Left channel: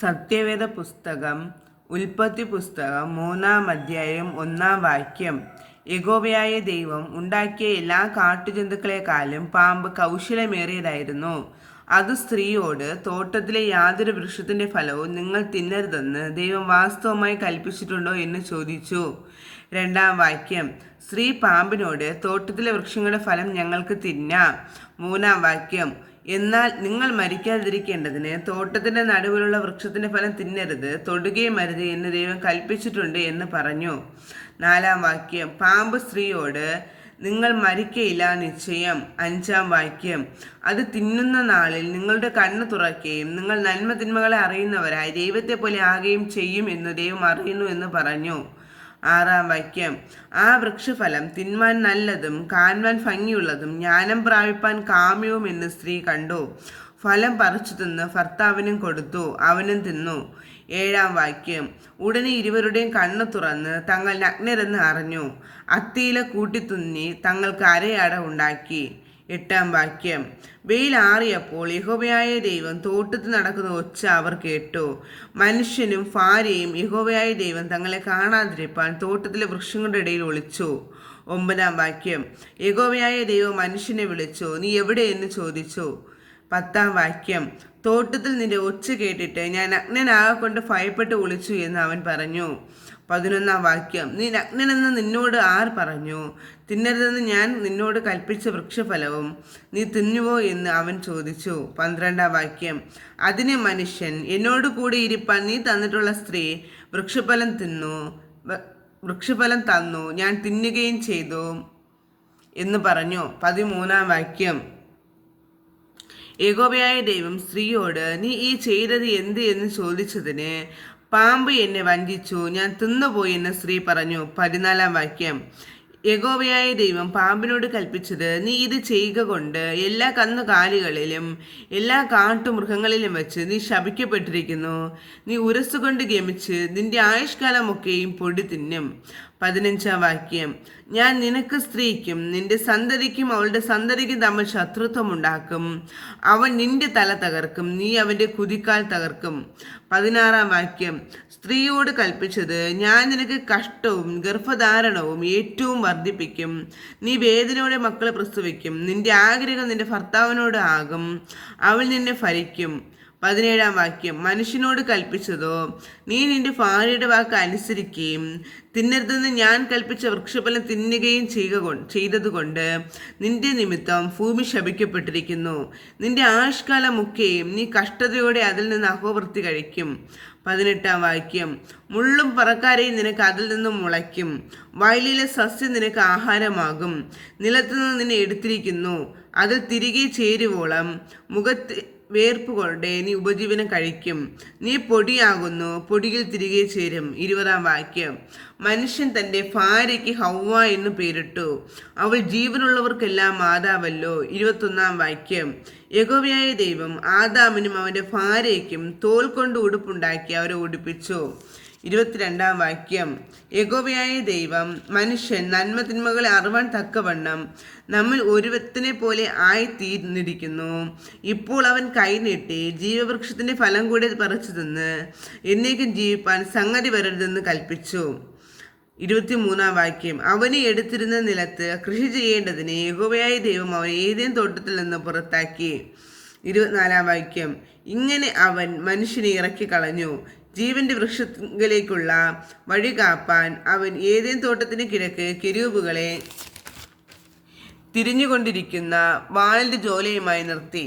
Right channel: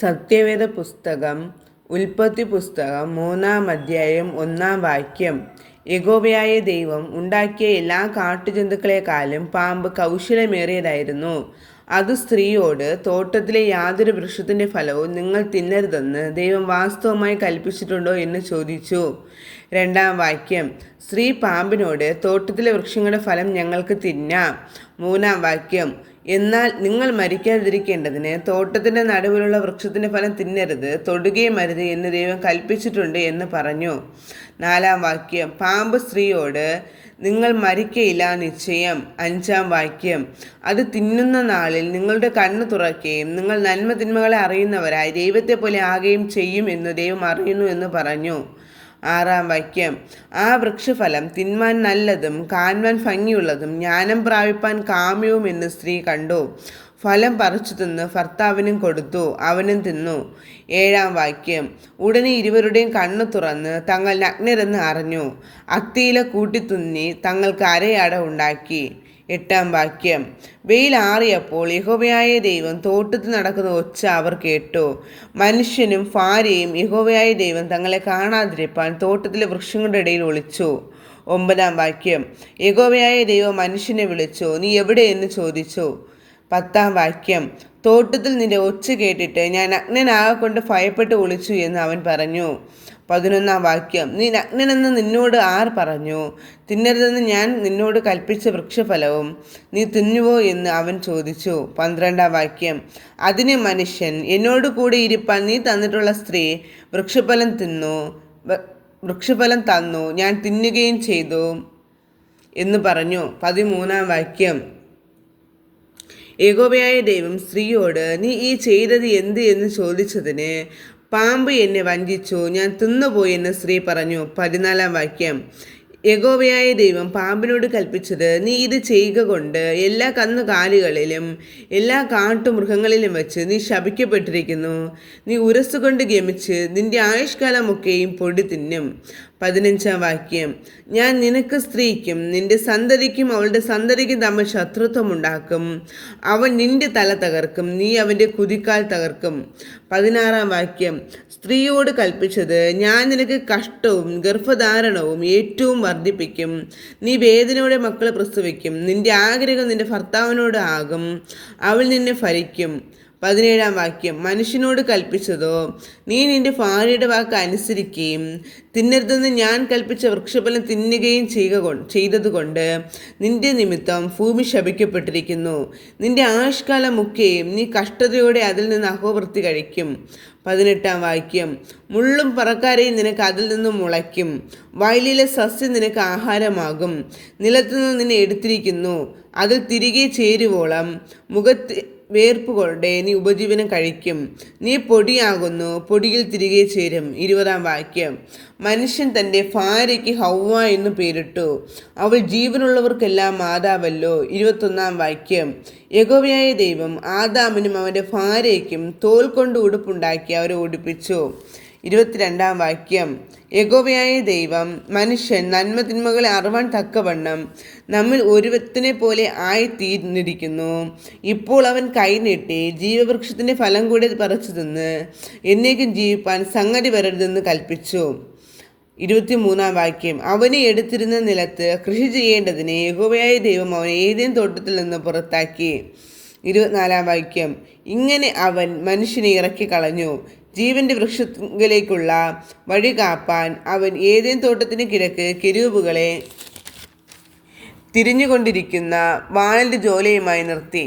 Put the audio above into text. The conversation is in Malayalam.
സത്യവേദ പുസ്തകം ഉൽപ്പത്തി പുസ്തകം 3-ാം അധ്യായം 1-ാം വാക്യം. യഹോവയായ ദൈവം ഉണ്ടാക്കിയ എല്ലാ കാട്ടുജന്തുക്കളെക്കാളും പാമ്പ് കൗശലമേറിയതായിരുന്നു. അത് സ്ത്രീയോട്, തോട്ടത്തിലെ യാതൊരു വൃക്ഷത്തിൻ്റെ ഫലവും നിങ്ങൾ തിന്നരുതെന്ന് ദൈവം വാസ്തവമായി കൽപ്പിച്ചിട്ടുണ്ടോ എന്ന് ചോദിച്ചു. 2-ാം വാക്യം. സ്ത്രീ പാമ്പിനോട്, തോട്ടത്തിലെ വൃക്ഷങ്ങളുടെ ഫലം ഞങ്ങൾക്ക് തിന്നാം. 3-ാം വാക്യം. എന്നാൽ നിങ്ങൾ മരിക്കാതിരിക്കേണ്ടതിന് തോട്ടത്തിൻ്റെ നടുവിലുള്ള വൃക്ഷത്തിൻ്റെ ഫലം തിന്നരുത്, തൊടുകയും അരുത് എന്ന് ദൈവം കൽപ്പിച്ചിട്ടുണ്ട് എന്ന് പറഞ്ഞു. 4-ാം വാക്യം. പാമ്പ് സ്ത്രീയോട്, നിങ്ങൾ മരിക്കയില്ല നിശ്ചയം. 5-ാം വാക്യം. അത് തിന്നുന്ന നാളിൽ നിങ്ങളുടെ കണ്ണ് തുറക്കുകയും നിങ്ങൾ നന്മ തിന്മകളെ അറിയുന്നവരായി ദൈവത്തെ പോലെ ആകുകയും ചെയ്യും എന്ന് ദൈവം അറിയുന്നു എന്ന് പറഞ്ഞു. 6-ാം വാക്യം. ആ വൃക്ഷഫലം തിന്മാൻ നല്ലതും കാണുവാൻ ഭംഗിയുള്ളതും ജ്ഞാനം പ്രാപിപ്പാൻ കാമ്യവും എന്ന് സ്ത്രീ കണ്ടു. ഫലം പറിച്ചു തിന്ന് ഭർത്താവിനും കൊടുത്തു, അവനും തിന്നു. 7-ാം വാക്യം. ഉടനെ ഇരുവരുടെയും കണ്ണ് തുറന്ന് തങ്ങൾ നഗ്നരെന്ന് അറിഞ്ഞു. അത്തിയില കൂട്ടിത്തുന്നി തങ്ങൾക്ക് അരയട ഉണ്ടാക്കി. 8-ാം വാക്യം. വെയിലാറിയപ്പോൾ യഹോവയായ ദൈവം തോട്ടത്തിൽ നടക്കുന്ന ഒച്ച അവർ കേട്ടു. മനുഷ്യനും ഭാര്യയും യഹോവയായ ദൈവം തങ്ങളെ കാണാതിരിപ്പാൻ തോട്ടത്തിലെ വൃക്ഷങ്ങളുടെ ഇടയിൽ ഒളിച്ചു. 9-ാം വാക്യം. യഹോവയായ ദൈവം മനുഷ്യനെ വിളിച്ചു, നീ എവിടെ എന്ന് ചോദിച്ചു. 10-ാം വാക്യം. തോട്ടത്തിൽ നിന്റെ ഒച്ച കേട്ടിട്ട് ഞാൻ നഗ്നനാകൊണ്ട് ഭയപ്പെട്ട് ഒളിച്ചു എന്ന് അവൻ പറഞ്ഞു. 11-ാം വാക്യം. നീ നഗ്നനെന്ന് നിന്നോട് ആർ പറഞ്ഞു? തിന്നരുതെന്ന് ഞാൻ നിന്നോട് കൽപ്പിച്ച വൃക്ഷഫലവും നീ തിന്നുവോ എന്ന് അവൻ ചോദിച്ചു. 12-ാം വാക്യം. അതിന് മനുഷ്യൻ, എന്നോട് കൂടി ഇരിപ്പാൻ നീ തന്നിട്ടുള്ള സ്ത്രീ വൃക്ഷഫലം തന്നു, ഞാൻ തിന്നുകയും ചെയ്തു എന്ന് പറഞ്ഞു. 13-ാം വാക്യം. യഹോവയായ ദൈവം സ്ത്രീയോട്, നീ ഈ ചെയ്തത് എന്ത് എന്ന് ചോദിച്ചതിന്, പാമ്പ് എന്നെ വഞ്ചിച്ചു, ഞാൻ തിന്നുപോയി എന്ന് സ്ത്രീ പറഞ്ഞു. 14-ാം വാക്യം. യഹോവയായ ദൈവം പാമ്പിനോട് കൽപ്പിച്ചത്, നീ ഇത് ചെയ്യുക കൊണ്ട് എല്ലാ കന്നുകാലികളിലും എല്ലാ കാട്ടുമൃഗങ്ങളിലും വെച്ച് നീ ശപിക്കപ്പെട്ടിരിക്കുന്നു. നീ ഉരസുകൊണ്ട് ഗമിച്ച് നിന്റെ ആയുഷ്കാലമൊക്കെയും പൊടി തിന്നും. 15-ാം വാക്യം. ഞാൻ നിനക്ക് സ്ത്രീക്കും നിന്റെ സന്തതിക്കും അവളുടെ സന്തതിക്കും തമ്മിൽ ശത്രുത്വം ഉണ്ടാക്കും. അവൻ നിന്റെ തല തകർക്കും, നീ അവൻ്റെ കുതിക്കാൽ തകർക്കും. 16-ാം വാക്യം. സ്ത്രീയോട് കൽപ്പിച്ചത്, ഞാൻ നിനക്ക് കഷ്ടവും ഗർഭധാരണവും ഏറ്റവും വർദ്ധിപ്പിക്കും. നീ വേദനയോടെ മക്കളെ പ്രസവിക്കും. നിന്റെ ആഗ്രഹം നിന്റെ ഭർത്താവിനോട് ആകും, അവൻ നിന്നെ ഭരിക്കും. 17-ാം വാക്യം. മനുഷ്യനോട് കൽപ്പിച്ചതോ, നീ നിന്റെ ഭാര്യയുടെ വാക്ക് അനുസരിക്കുകയും തിന്നരുതെന്ന് ഞാൻ കൽപ്പിച്ച വൃക്ഷഫലം തിന്നുകയും ചെയ്തതുകൊണ്ട് നിന്റെ നിമിത്തം ഭൂമി ശപിക്കപ്പെട്ടിരിക്കുന്നു. നിന്റെ ആയുഷ്കാലമൊക്കെയും നീ കഷ്ടതയോടെ അതിൽ നിന്ന് അഹോവൃത്തി കഴിക്കും. 18-ാം വാക്യം. മുള്ളും പറക്കാരെയും നിനക്ക് അതിൽ നിന്നും മുളയ്ക്കും. വയലിലെ സസ്യം നിനക്ക് ആഹാരമാകും. നിലത്തുനിന്ന് നിന്നെ എടുത്തിരിക്കുന്നു, അതിൽ തിരികെ ചേരുവോളം മുഖത്ത് വേർപ്പുകൊണ്ടേ നീ ഉപജീവനം കഴിക്കും. നീ പൊടിയാകുന്നു, പൊടിയിൽ തിരികെ ചേരും. 20-ാം വാക്യം. മനുഷ്യൻ തൻ്റെ ഭാര്യയ്ക്ക് ഹൗവ എന്ന് പേരിട്ടു, അവൾ ജീവനുള്ളവർക്കെല്ലാം മാതാവല്ലോ. 21-ാം വാക്യം. യഹോവയായ ദൈവം ആദാമിനും അവൻ്റെ ഭാര്യയ്ക്കും തോൽ കൊണ്ട് ഉടുപ്പുണ്ടാക്കി അവരെ ഉടുപ്പിച്ചു. 22-ാം വാക്യം. യഹോവയായ ദൈവം മനുഷ്യൻ നന്മ തിന്മകളെ അറിവാൻ തക്കവണ്ണം നമ്മിൽ ഒരുവത്തിനെ പോലെ ആയിത്തീർന്നിരിക്കുന്നു. ഇപ്പോൾ അവൻ കൈനീട്ടി ജീവവൃക്ഷത്തിൻ്റെ ഫലം കൂടി പറിച്ചു തിന്ന് എന്നേക്കും ജീവിപ്പാൻ സംഗതി വരരുതെന്ന് കൽപ്പിച്ചു. 23-ാം വാക്യം. അവനെ എടുത്തിരുന്ന നിലത്ത് കൃഷി ചെയ്യേണ്ടതിന് യഹോവയായ ദൈവം അവനെ ഏദേൻ തോട്ടത്തിൽ നിന്ന് പുറത്താക്കി. 24-ാം വാക്യം. ഇങ്ങനെ അവൻ മനുഷ്യനെ ഇറക്കി കളഞ്ഞു. ജീവന്റെ വൃക്ഷത്തിലേക്കുള്ള വഴി കാപ്പാൻ അവൻ ഏദേൻ തോട്ടത്തിന് കിഴക്ക് കെരൂബുകളെ തിരിഞ്ഞുകൊണ്ടിരിക്കുന്ന വാളിൻ്റെ ജോലയുമായി നിർത്തി.